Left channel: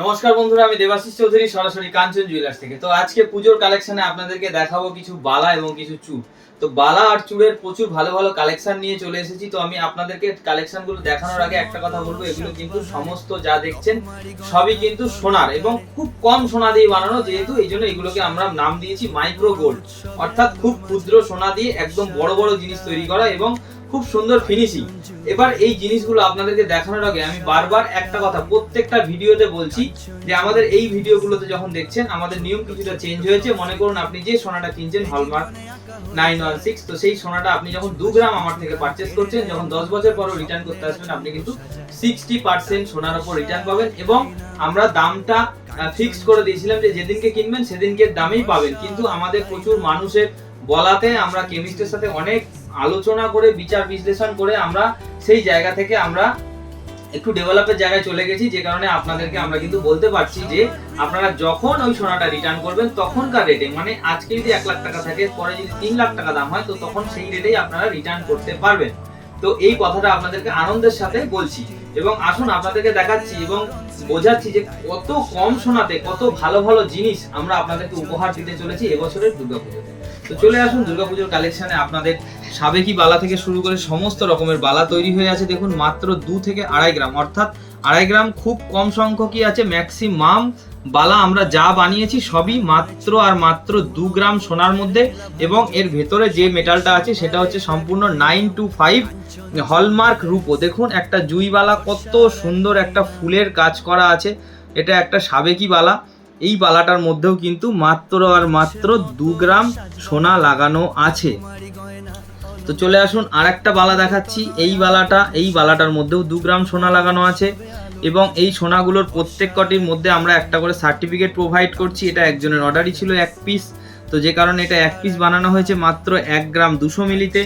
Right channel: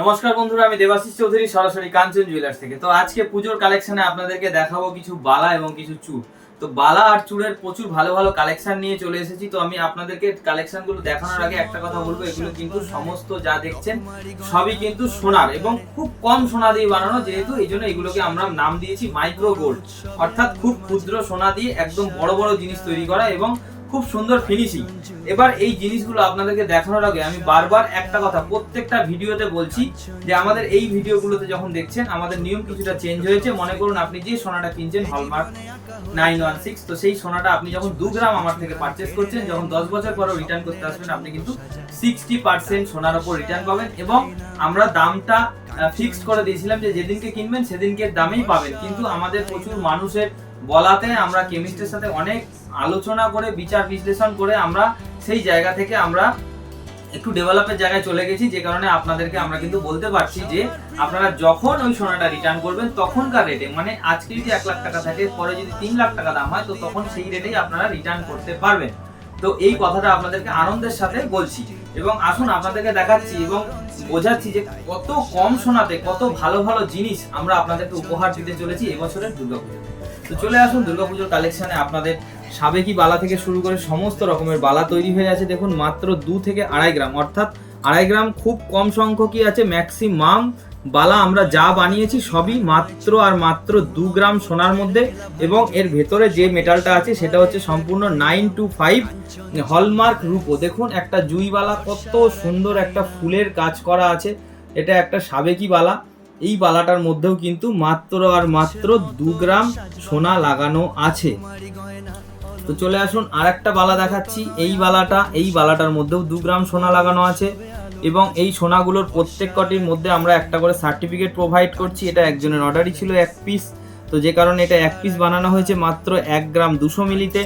নমস্কার বন্ধুরা, আমি দেবাশিস চৌধুরী, সরাসরি কাঞ্চন জুয়েলার্স থেকে। তো আজকে পুজোর কালেকশনে আপনাদেরকে দেখাবো কিছু বালা এবং কিছু চুড় তো বালা আর চুড়ের প্রচুর ভালো ভালো কালেকশন নিয়ে চলে এসেছি। তো আমি আপনাদেরকে কালেকশনগুলো দেখানোর আগে একটা কথা বলব, এগুলো কিন্তু সমস্ত যা দেখছেন, সবই কিন্তু সোনার এবং খুব কম সোনা দিয়ে বানানো, যেহেতু এই জন্য এগুলোকে আমরা নাম দিয়েছি মাইক্রো গোল্ড অর্থাৎ খুব ক্ষুদ্র সোনা দিয়ে একদম বড় বড় জিনিস তৈরি করা এবং খুব সুন্দর ফিনিশিং এবার এই জিনিসগুলো আপনাদেরকে দেখানোর আগে আমি বারবার একটা কথা প্রত্যেকটা ভিডিওতে বলছি যে আমাদের এই ভিডিওগুলোতে যখন দেখছেন, আমাদের নিয়ম কিছুটা চেঞ্জ হয়েছে। মনে করুন আপনি যে সোনাটা কিনছেন হলমার্ক নাইন ওয়ান সিক্স তো সেই সোনাটা আপনি যখন দু গ্রাম আমার থেকে পারচেস করছেন, যখন দশ বছর পরও রিটার্ন করতে আসবেন, আপনি কিন্তু সিক্সটি পার্সেন্ট সোনার উপর রিটার্ন পাবেন এবং আমরা দামটা ফিক্সড করে দিয়েছিলাম যে যেদিনকে কিনবেন, সেদিনকে দামেই পাবেন। কিন্তু আমাদের প্রচুর মানুষের বলাতে আমরা কেমিস্ট্রির সাথে অনেক আলোচনা করে, বিচার বিশ্লেষণ করে আমরা সেই জায়গা থেকে আমরা একটু ডেভেলপের জায়গায় চলে গেছি, যে কারণে আপনাদেরকে আমরা কিন্তু বলতে পারছি যে আপনারা যখন ওই সোনাটা রিটার্ন করবেন তখনকার রেটে মানে আজকে যদি এক লাখ টাকা থাকে, পরে যদি তিন লাখ টাকা দাম হয়, তো তখন সেই রেটেই আপনারা রিটার্ন করতে পারবেন। তো এই কথাটা আপনাদেরকে আনন্দের সাথে বলছি। এবং আসুন আপনাদেরকে দেখাচ্ছি এবং বোঝাচ্ছি যে কত কম সোনাতে, কত ভালো ভালো জিনিস আমরা আপনাদেরকে উপহার দিতে চলেছি এবছরের দুর্গাপুজো তো চলে আসুন দুর্গাপুজোর কালেকশনে আপনাদের সাবেকি বালা থেকে শুরু করে সমস্ত রকমের বালা তৈরি হয়ে আছে। দেখুন মাত্র দু থেকে আড়াই গ্রাম, অর্থাৎ আড়াই গ্রাম খুব কম সংখ্যকই আছে ম্যাক্সিমাম বালা আমরা যা বানিয়েছি সবই মাত্র আর মাত্র দু গ্রাম সোনার মধ্যে এবং এর ভেতরে যে মেটালটা আছে সেটা হচ্ছে সম্পূর্ণ নাইন টু ফাইভ হলমার্ক রূপো। দেখুন, একটা জুইবালা কত সুন্দর একটা ফুলের কাজ করা আছে। এটা একটা সাবেকি বালা। এই বালাটার মধ্যেও কিন্তু মাত্র আর মাত্র দু গ্রাম সোনা লাগানো আছে। তো চলে আসুন আর একটা বালা দেখাচ্ছি। এই বালাটা, এই বালাটার মধ্যেও দু গ্রাম সোনা লাগানো আছে। এবং এই সোনাগুলোর প্রত্যেক কটির মধ্যে আমরা একটা করে সার্টিফিকেট প্রোভাইড করছি। এটা একজনের অর্ডারই ছিল এক পিস তো যে কারণে এটা এক পিস বানানো হয়েছে মাত্র এক গ্রাম দুশো মিলিতে।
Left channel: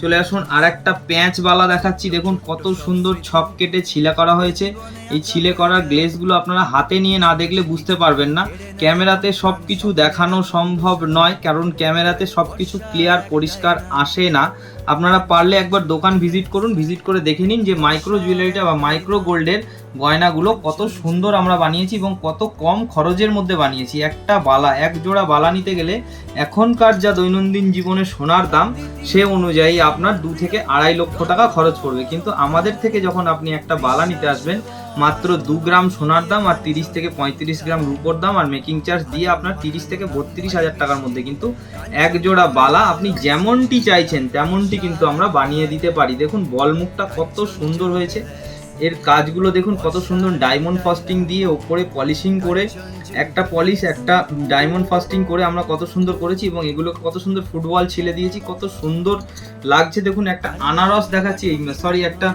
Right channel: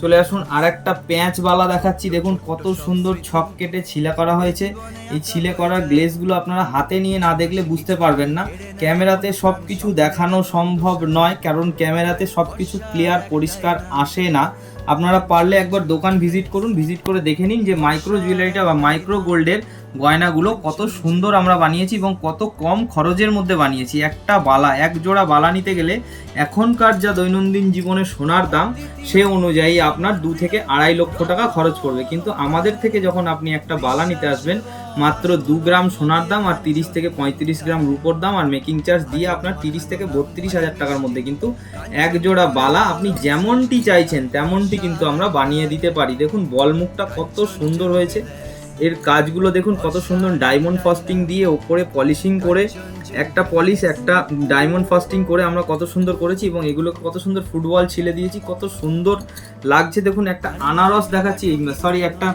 চলে আসুন আর একটা প্যাঁচ বালা দেখাচ্ছি। দেখুন কত সুন্দর ছক কেটে ছিলে করা হয়েছে। এই ছিলে করা গ্লেসগুলো আপনারা হাতে নিয়ে না দেখলে বুঝতে পারবেন না। ক্যামেরাতে সব কিছু দেখানো সম্ভব নয়, কারণ ক্যামেরাতে সব কিছু ক্লিয়ার পরিষ্কার আসে না। আপনারা পারলে একবার দোকান ভিজিট করুন। ভিজিট করে দেখে নিন যে মাইক্রো জুয়েলারিটা বা মাইক্রো গোল্ডের গয়নাগুলো কত সুন্দর আমরা বানিয়েছি এবং কত কম খরচের মধ্যে বানিয়েছি। একটা বালা, এক জোড়া বালা নিতে গেলে এখনকার যা দৈনন্দিন জীবনে সোনার দাম, সে অনুযায়ী আপনার দু থেকে আড়াই লক্ষ টাকা খরচ পড়বে। কিন্তু আমাদের থেকে যখন আপনি একটা বালা নিতে আসবেন, মাত্র দু গ্রাম সোনার দাম আর তিরিশ থেকে পঁয়ত্রিশ গ্রাম রুপোর দাম আর মেকিং চার্জ দিয়ে আপনার তিরিশ থেকে বত্রিশ হাজার টাকার মধ্যে কিন্তু এক জোড়া বালা আপনি যেমনটি চাইছেন, তেমনটি কিন্তু আমরা বানিয়ে দিতে পারি। দেখুন, বলমুখটা কত সুন্দর হয়েছে। এর কাজগুলো দেখুন, কত সুন্দর ডায়মন্ড ফাস্টিং দিয়ে ওপরে পলিশিং করে, একটা পলিশ একটা ডায়মন্ড ফাস্টিং করে আমরা কত সুন্দর করেছি এবং এগুলো কত সুন্দর ফুটবল ছিলে দিয়েছি, কত সুন্দর লাগছে। দেখুন, একটা আনারস দেখাচ্ছি সরি একটা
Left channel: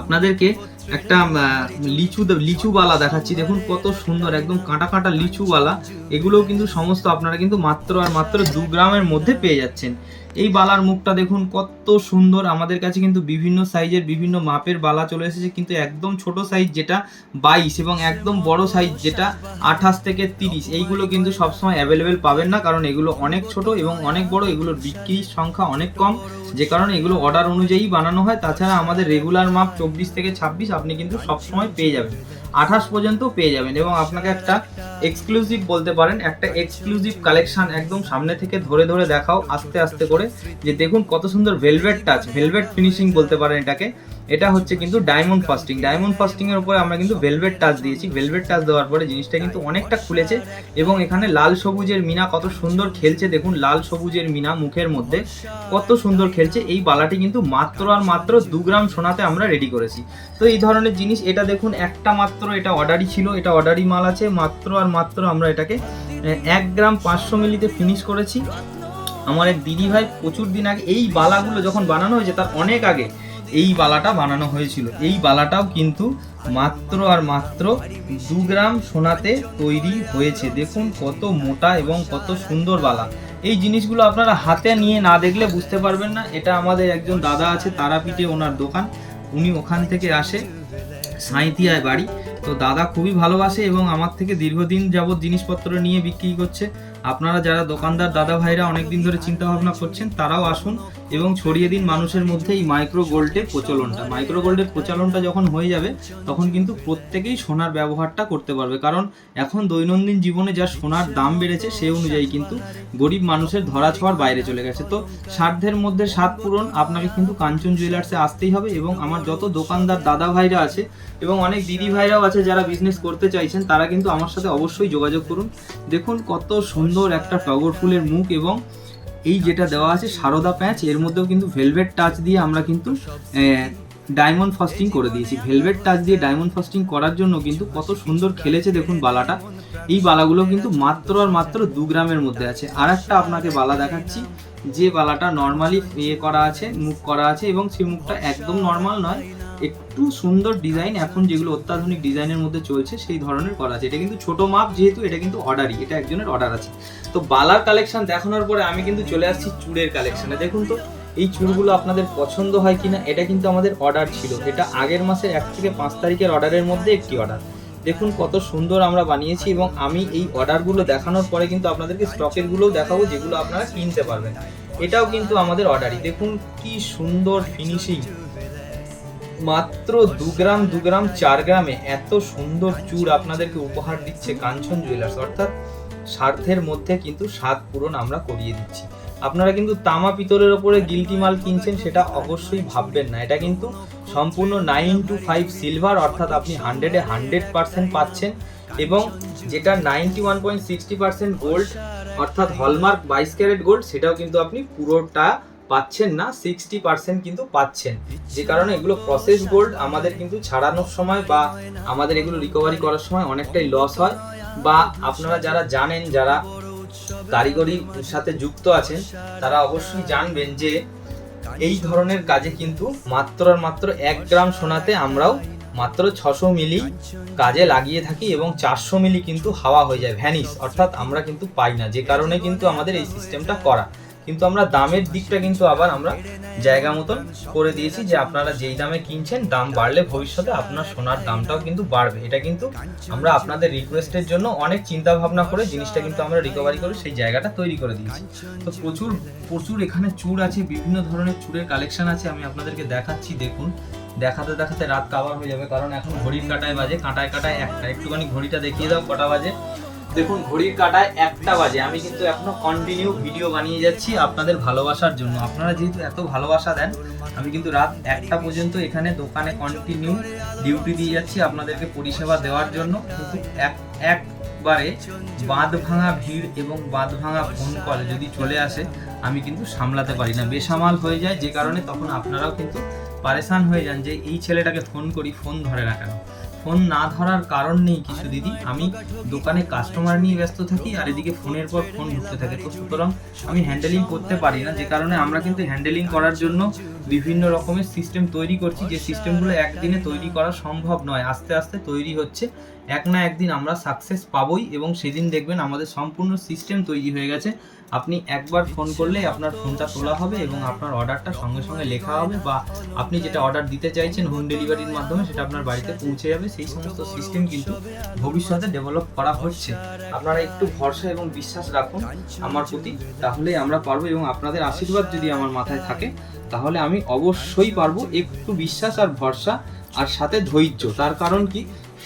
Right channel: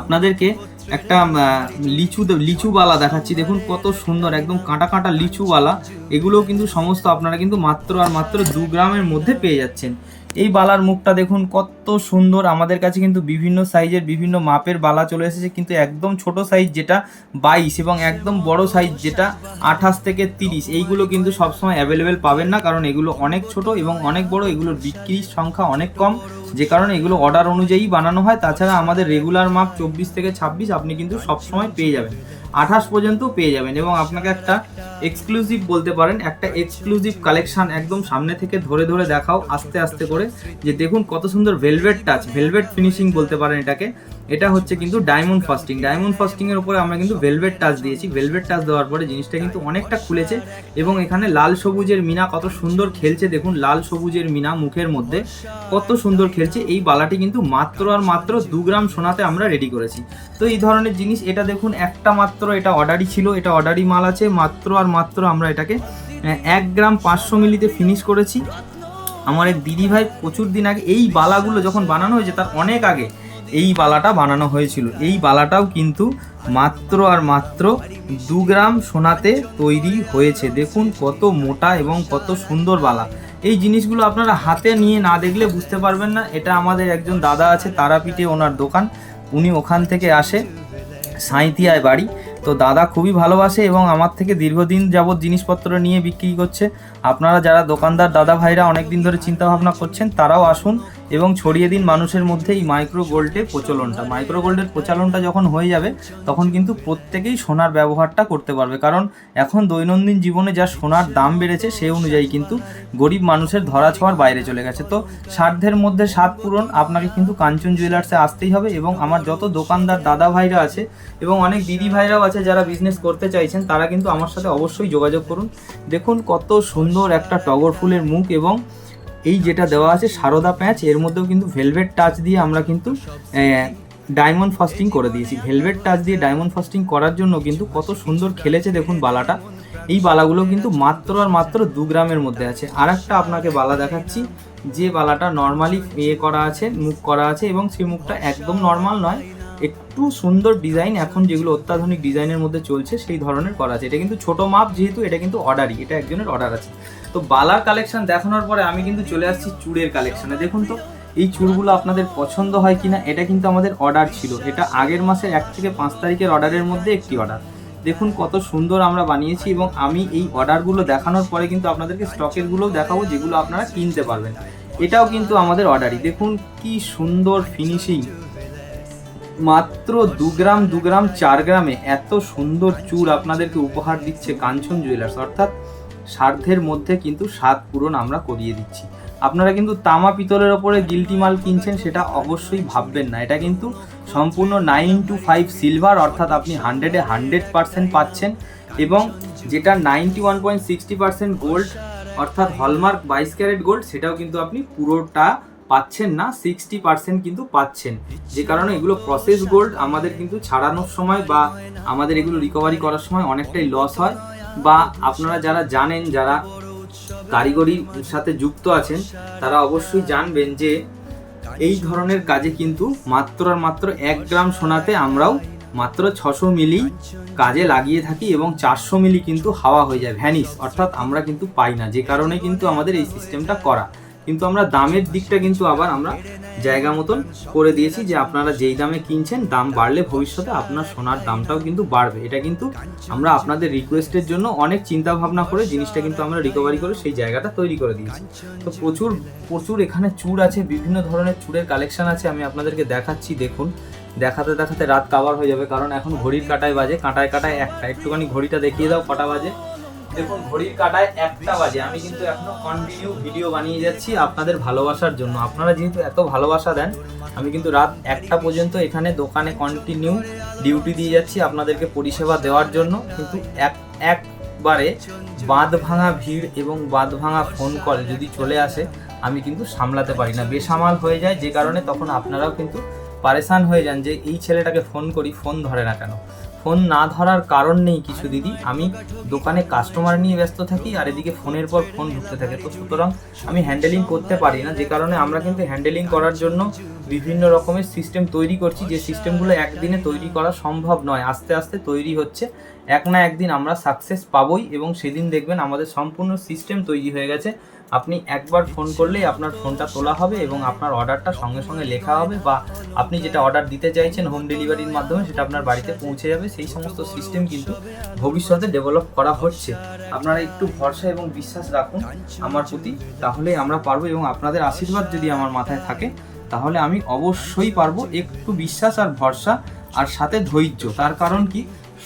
আপনাদেরকে একটা লিচু, লিচুওয়ালা দেখাচ্ছি। দেখুন, কত সুন্দর, একদম কাঁটা কাঁটা লিচুওয়ালা। এগুলোও কিন্তু সমস্ত আপনারা কিন্তু মাত্র আর মাত্র দু গ্রামের মধ্যে পেয়ে যাচ্ছেন। এই বালার মুখটা দেখুন, কত সুন্দর। আমাদের কাছে কিন্তু বিভিন্ন সাইজের, বিভিন্ন মাপের বালা চলে এসেছে, কিন্তু একদম ছোট সাইজ যেটা বাইশ এবং একদম বড় সাইজ যেটা আঠাশ থেকে তিরিশ, এইগুলো কিন্তু সবসময় অ্যাভেলেবেল পাবেন না, কারণ এগুলো অনেক ছোট এবং অনেক বড়, এগুলোর বিক্রির সংখ্যা অনেক কম। যে কারণে এগুলো অর্ডার অনুযায়ী বানানো হয়। তাছাড়া আমাদের রেগুলার মাপ চব্বিশ থেকে ছাব্বিশ, আপনি কিন্তু সবসময় পেয়ে যাবেন। আঠাশ পর্যন্ত পেয়ে যাবেন এবং আপনাকে একটা এক্সক্লুসিভ বলতে পারেন, একটা এক্সক্লুসিভ কালেকশান একদম সামনে থেকে ধরে ধরে দেখাও, আস্তে আস্তে করে। যে দেখুন কত সুন্দর ভেলভেট টাচ ভেলভেট ফিনিশিং বলতে পারেন এটাকে। এটা হচ্ছে কিন্তু ডায়মন্ড ফাস্টিং ডায়মন্ড ফাস্টিং এর উপরে আমরা কিন্তু ভেলভেট টাচ দিয়েছি। ভেলভেট টাচ দেওয়ার পরে জিনিসটা কিন্তু অনেকটা খুলেছে এবং এখানে লাল সবুজের মিনা কত সুন্দর খেলছে। দেখুন, লাল সবুজের মিনা মুখের মধ্যে কত সুন্দর খেলছে। এই বালাটি কিন্তু মাত্র আর মাত্র দু গ্রাম সোনাতে আমরা রেডি করেছি। তো এই ধরনের জিনিস, এটা দেখুন, একটা মাত্র এটা অর্ডারই ছিল। এটা অর্ডারই মাল আছে। মাত্র আর মাত্র আমরা এটাকে এক গ্রাম পাঁচশো মিলিতে ফিনিশ করেছি। আমার দিদি ভাই প্রচুর দিন আগে এই বালাগুলো যখন বানানো হয়েছে, তার অনেক আগে এই বালাটা বানানো হয়েছিল। এই বালাটাও কিন্তু মাত্র আর মাত্র দু গ্রাম সোনাতে তৈরি হয়েছে। দেখুন কত মোটা এবং কত সুন্দর বালা। এই জিনিসগুলো আপনারা হাতে নিয়ে না দেখলে বুঝতে পারবেন না। এটা আমাদের একজন দাদা আছে, তারাপীঠে ওনার দোকান। উনি ওখান থেকে আসে সাঁইতিয়ায় বাড়ি। তো দাদা খুবই ভালোবাসে এবং আমার থেকে দীর্ঘদিন যাবৎ জিনিসপত্র নিয়ে বিক্রি করছে। আপনারা যারা দোকানদার দাদা ভাইরা অনেকদিন ধরে চিন্তা ভাবনা করছেন, তারাও আসুন এবং ছড়িয়ে দিন মানুষের মধ্যে এই মাইক্রো গোল্ডের প্রচলনটা। মাইক্রো গোল্ডের প্রচলনটা যখন হয়ে যাবে, তখন কিন্তু প্রত্যেকেই সোনার ব্যবহারটা করতে পারবে। কারণ এখন দৈনন্দিন জীবনে যা সোনার দাম বেড়েছে, সেই অনুযায়ী কিন্তু গরিব মানুষের ধরা ছোঁয়ার বাইরে চলে গেছে। তো সাধ্যের মধ্যে স্বাদ পূরণ আপনাকে কিন্তু কাঞ্চন জুয়েলার্সে আসতেই হবে এবং আমার যত দোকানদার দাদা ভাইরা আছে এবং অনেক দিদি ভাইরাও আছে যারা বিজনেস করতে চাইছেন তারা কিন্তু আমার সাথে অবশ্যই যোগাযোগ করুন। দেখুন কত সুন্দর একটা টগর ফুলের মুখ এবং এই যেটা দেওয়া আছে সারদা প্যাচ এর মধ্যেও কিন্তু ভেলভেট টাচ দিয়ে আমরা কিন্তু ডায়মন্ড ফাস্টিং করে দিয়েছি। ভেলভেট টাচ দিয়ে ডায়মন্ড ফাস্টিং করার জন্য কিন্তু কত সুন্দর খেলেছে দেখুন বালাটা। এই বালাগুলো কিন্তু মাত্র আর মাত্র দু গ্রামের মধ্যে আছে। আর একটা আপনাকে বালা দেখাচ্ছি যে বালাটা নর্মালি ইয়ে করা আছে মুখ করা আছে এবং সেই মুখটা একদম নর্মাল নয়। একটু সুন্দর ডিজাইন এখন যেগুলো অত্যাধুনিক ডিজাইনের মধ্যে চলছে, সেই ধরনের করা আছে। এটা কিন্তু ছোট মাপ যেহেতু, এটা কিন্তু অর্ডারই এটা একজনের অর্ডার আছে। তো বালার কালেকশন দেখানোর পরে আমি কিন্তু চলে আসছি চুড়ের কালেকশনে দেখুন তো, এই চুড়গুলো আপনাদের পছন্দ হয় কিনা, এটা কিন্তু আমাদের অর্ডার ছিল। এটা আগের মাসের এক থেকে পাঁচ তারিখের অর্ডারের মধ্যে একটি অর্ডার দেখুন কত সুন্দর আমরা বানিয়েছি এবং আমি এই অর্ডারগুলো দেখানোর পরে কিন্তু আপনাদেরকে স্টকেরগুলোও দেখাবো, যেগুলো আপনারা কিনতে পারবেন। এটাও কিন্তু আমাদের অর্ডারই দেখুন কি সুন্দর ফিনিশিং মাত্র দু গ্রাম দু গ্রাম, চার গ্রামে এত সুন্দর চূড় আপনাদেরকে উপহার দিচ্ছে কাঞ্চন জুয়েলার্স অর্থাৎ সাধ্যের মধ্যে কিন্তু স্বাদ পূরণ আমরা করিয়ে দিচ্ছি। আপনারা কিন্তু তামা পিতলের ওপরে গিলটি মাল কিনছেন সেটা অবশ্যই ভাববেন না। এটা কিন্তু সম্পূর্ণ নাইন টু ফাইভ সিলভার অর্থাৎ আপনি হান্ড্রেডে হান্ড্রেড পার্সেন্ট পাচ্ছেন এবং যেটা ninety one point sixty percent gold অর্থাৎ হলমার্ক বাইশ ক্যারেট গোল্ড সেটাও কিন্তু আপনি পুরোটা পাচ্ছেন না সিক্সটি পার্সেন্ট কিন্তু পাচ্ছেন। যে কারণে এগুলো প্রসেস গোল্ড আমাদের কিন্তু ছাড়ানোর সময় বা আমাদের এগুলো রিকভারি করার সময় অনেকটাই লস হয়। বা আপনারা যারা জানেন, যারা কারিগরির সাথে যুক্ত আছেন, তারা অবশ্যই জানবেন যে এই ধরনের কাজে কিন্তু মাত্র আর মাত্র এক গ্রাম সোনাতে আমরাও মাত্র ছশো মিলি কাজে লাগিয়ে থাকি এবং চারশো মিলি কিন্তু হাওয়া হয়ে যায় ভ্যানিস অর্থাৎ আমরা কিন্তু পাই না। যে কারণে কিন্তু আমাদের এই সিস্টেমটা করা। কিন্তু আমরা দামের দিকটা কিন্তু আবার আমরা জায়গা মতন করে দিয়েছি যে আপনারা যেই দামে কিনছেন, দাম বাড়লে ভবিষ্যতে আপনার সোনার দামটাও কিন্তু বাড়বে। এটা কিন্তু আমরা আপনাদের রিকোয়েস্টের জন্য অনেক চিন্তা ভাবনা করে জিনিসটা কিন্তু আমরা রিকভারি করে সেই জায়গাটা তৈরি করে দিয়েছি। তো প্রচুর প্রচুর এখানে চূড় আছে, বিভিন্ন ধরনের চূড়ের কালেকশন আছে, আমি আপনাদেরকে দেখাচ্ছি, দেখুন। দেখাতে দেখাতে রাত কাভার হয়ে যাবে, কারণ এখন ঘড়ির কাটায় বাজে, কাঁটায়, কাটায় একটা, একটুখানি ঘড়িটা দেখিয়ে দাও, কটা বাজে। দেখুন, ঘড়ির কাটায় একটা বাজে। আমি কিন্তু এখনও কন্টিনিউ ভিডিও বানিয়ে যাচ্ছি আপনাদের ভালোবাসার জন্য। আপনারা যেহেতু এত ভালোবাসা দেন, আমি কিন্তু রাত একটা পর্যন্ত এখানে দোকানে কন্টিনিউ ডিউটি দিয়ে যাচ্ছি আপনাদেরকে পরিষেবা দেওয়ার জন্য। কিন্তু এক, একবারে বাঁধ ভাঙা ভিড় এবং বাঁধ ভাঙা ফোন কল যদি চলে আসে, আমি কিন্তু সামলাতে পারি না। বেসামাল হয়ে যায়, যে কারণে তখন আপনারাও কিন্তু পারেশান হয়ে যান যে এই ছেলেটাকে ফোন করি ফোন ধরে না কেন। ফোন না ধরার কারণ নেই কিছু দিদি। আমি দোকানে কাস্টমার নিয়ে ব্যস্ত থাকি আর এদিকে ফোনের পর ফোন ঢুকতে থাকে তো সুতরাং আমি হ্যান্ডেলিং করতে পারি না। যে কারণে আমরা কিন্তু হ্যান্ডেলিং করার জন্য বিভিন্ন রকমের সিস্টেম তৈরি করছি। যে সিস্টেমগুলো একদিনে তৈরি করা সম্ভব নয়। আস্তে আস্তে তৈরি হচ্ছে। এক না একদিন আমরা সাকসেস পাবোই এবং সেদিন দেখবেন আমাদের সম্পূর্ণ সিস্টেম তৈরি হয়ে গেছে। আপনি একবার ফোন করলেই আপনার ফোনটা তোলা হবে এবং আপনার অর্ডারটা সঙ্গে সঙ্গে লেখা হবে বা আপনি যেটা অর্ডার দিতে চাইছেন হোম ডেলিভারির মাধ্যমে সেটা আপনার বাড়িতে পৌঁছে যাবে। সেই সমস্ত সিস্টেম কিন্তু ভবিষ্যতে ডেভেলপ করা হচ্ছে। আপনারা একটু ভরসা এবং বিশ্বাস রাখুন আমার প্রতি তাহলে আমরা পারব এবং আপনাদের আশীর্বাদ যদি আমার মাথায় থাকে, তাহলে আমি অবশ্যই পারব। একটু বিশ্বাস আর ভরসা, আর সাথে ধৈর্য। তার কারণ কি?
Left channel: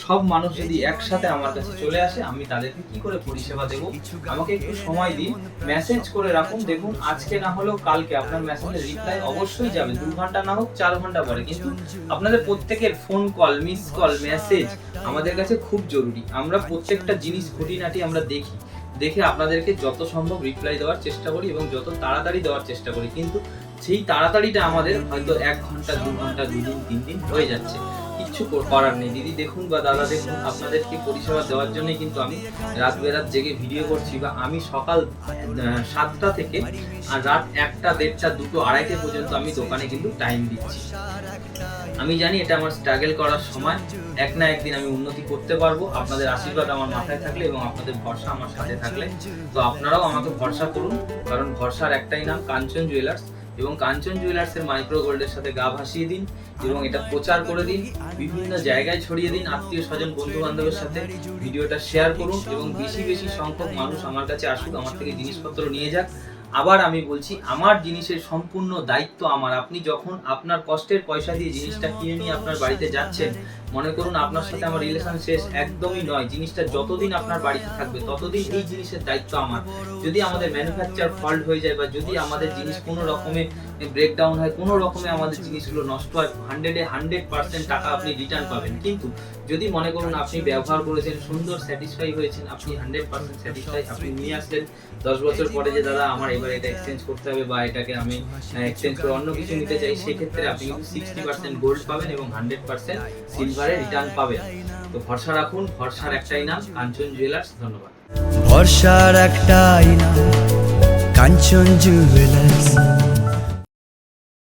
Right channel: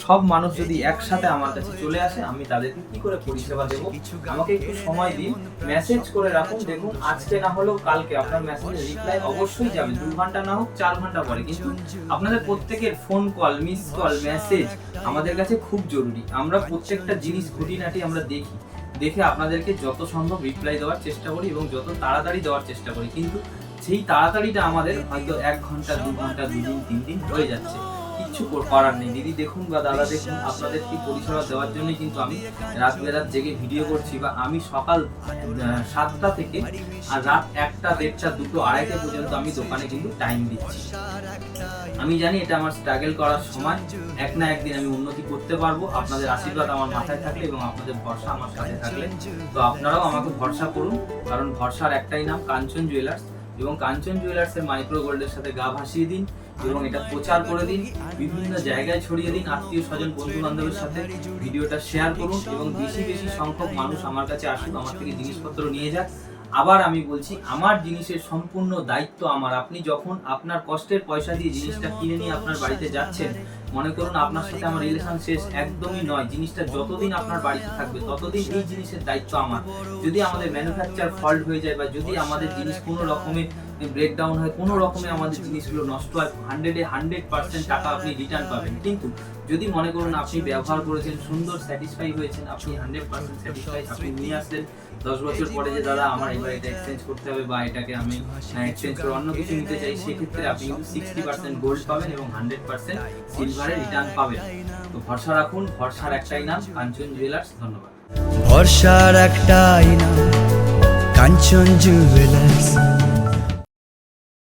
সব মানুষ যদি একসাথে আমার কাছে চলে আসে, আমি তাদেরকে কি করে পরিষেবা দেবো? আমাকে একটু সময় দিন মেসেজ করে রাখুন, দেখুন, আজকে না হলেও কালকে আপনার মেসেজের রিপ্লাই অবশ্যই যাবে। দু ঘণ্টা না হোক, চার ঘণ্টা পরে। কিন্তু আপনাদের প্রত্যেকের phone call miss call message আমাদের কাছে খুব জরুরি। আমরা প্রত্যেকটা জিনিস খুঁটিনাটি আমরা দেখি। দেখে আপনাদেরকে যত সম্ভব রিপ্লাই দেওয়ার চেষ্টা করি এবং যত তাড়াতাড়ি দেওয়ার চেষ্টা করি। কিন্তু সেই তাড়াতাড়িটা আমাদের হয়তো এক ঘণ্টা, দু ঘণ্টা দুদিন তিন দিন হয়ে যাচ্ছে। কিচ্ছু করার নেই। দিদি, দেখুন বা দাদা, দেখুন আপনাদেরকে পরিষেবা দেওয়ার জন্যই কিন্তু আমি রাত বেরাত জেগে ভিডিও করছি বা আমি সকাল সাতটা থেকে আর রাত একটা, দেড়টা, দুটো, আড়াইটে পর্যন্ত আমি দোকানে কিন্তু টাইম দিচ্ছি। আমি জানি এটা আমার স্ট্রাগল করার সময়। এক না একদিন আমি উন্নতি করতে পারব। আপনাদের আশীর্বাদ আমার মাথায় থাকলে এবং আপনাদের ভরসা আমার সাথে থাকলে। তো আপনারাও আমাকে ভরসা করুন। কারণ ভরসার একটাই নাম কাঞ্চন জুয়েলার্স এবং কাঞ্চন জুয়েলার্সের মাইক্রো গোল্ডের সাথে গা ভাসিয়ে দিন এবং এটা প্রচার করে দিন, বিভিন্ন জায়গায় ছড়িয়ে দিন আত্মীয় স্বজন বন্ধু বান্ধবের সাথে। ভিডিওটা শেয়ার করুন এবং বেশি বেশি সংখ্যক মানুষ আমার কাছে আসুক, আমার থেকে জিনিসপত্র নিয়ে যাক। আবার আমি বলছি, আমার জিনিসের সম্পূর্ণ দায়িত্ব আমার। আপনি যখন আপনার কষ্টের পয়সা দিয়ে জিনিসটা কিনে নিয়ে আপনার বাড়িতে যাচ্ছেন মনে করুন আপনার সাথে আমার রিলেশন শেষ একদমই নয়। জিনিসটা যতদিন আপনার বাড়িতে থাকবে, ততদিন এই জিনিসের দায়িত্ব আমার। যদি আমাদের ম্যানুফ্যাকচার ফল্ট হয়ে যায় বা যদি আমাদের জিনিস কোনো রকমে ব্রেকডাউন হয়, কোনো রকমে আমাদের জিনিসগুলো নষ্ট হয় হান্ড্রেডে হান্ড্রেড পার্সেন্ট টাকা আপনি রিটার্ন পাবেন। কিন্তু যদি মনে করুন আপনি ব্যবহার করেছেন, সুন্দর স্যাটিসফাই হয়েছেন, আপনি হান্ড্রেড পার্সেন্ট স্যাটিসফাই আপনি নিয়ে আসলেন। দশ বছর পরে যে দাদা আমার এবার এটা এক্সচেঞ্জ করতে হবে বা এটাকে আমি এক্সচেঞ্জ করে অন্য কিছু নিতে চাই, সেক্ষেত্রে আপনি সিক্সটি পার্সেন্ট গোল্ড পাবেন এবং হান্ড্রেড পার্সেন্ট সিলভারে রিটার্ন পাবেন। তো ভরসা রাখুন, ভরসার একটাই নাম, কাঞ্চন জুয়েলার্স ধন্যবাদ। ভরসার একটাই নাম, কাঞ্চন জুয়েলার্স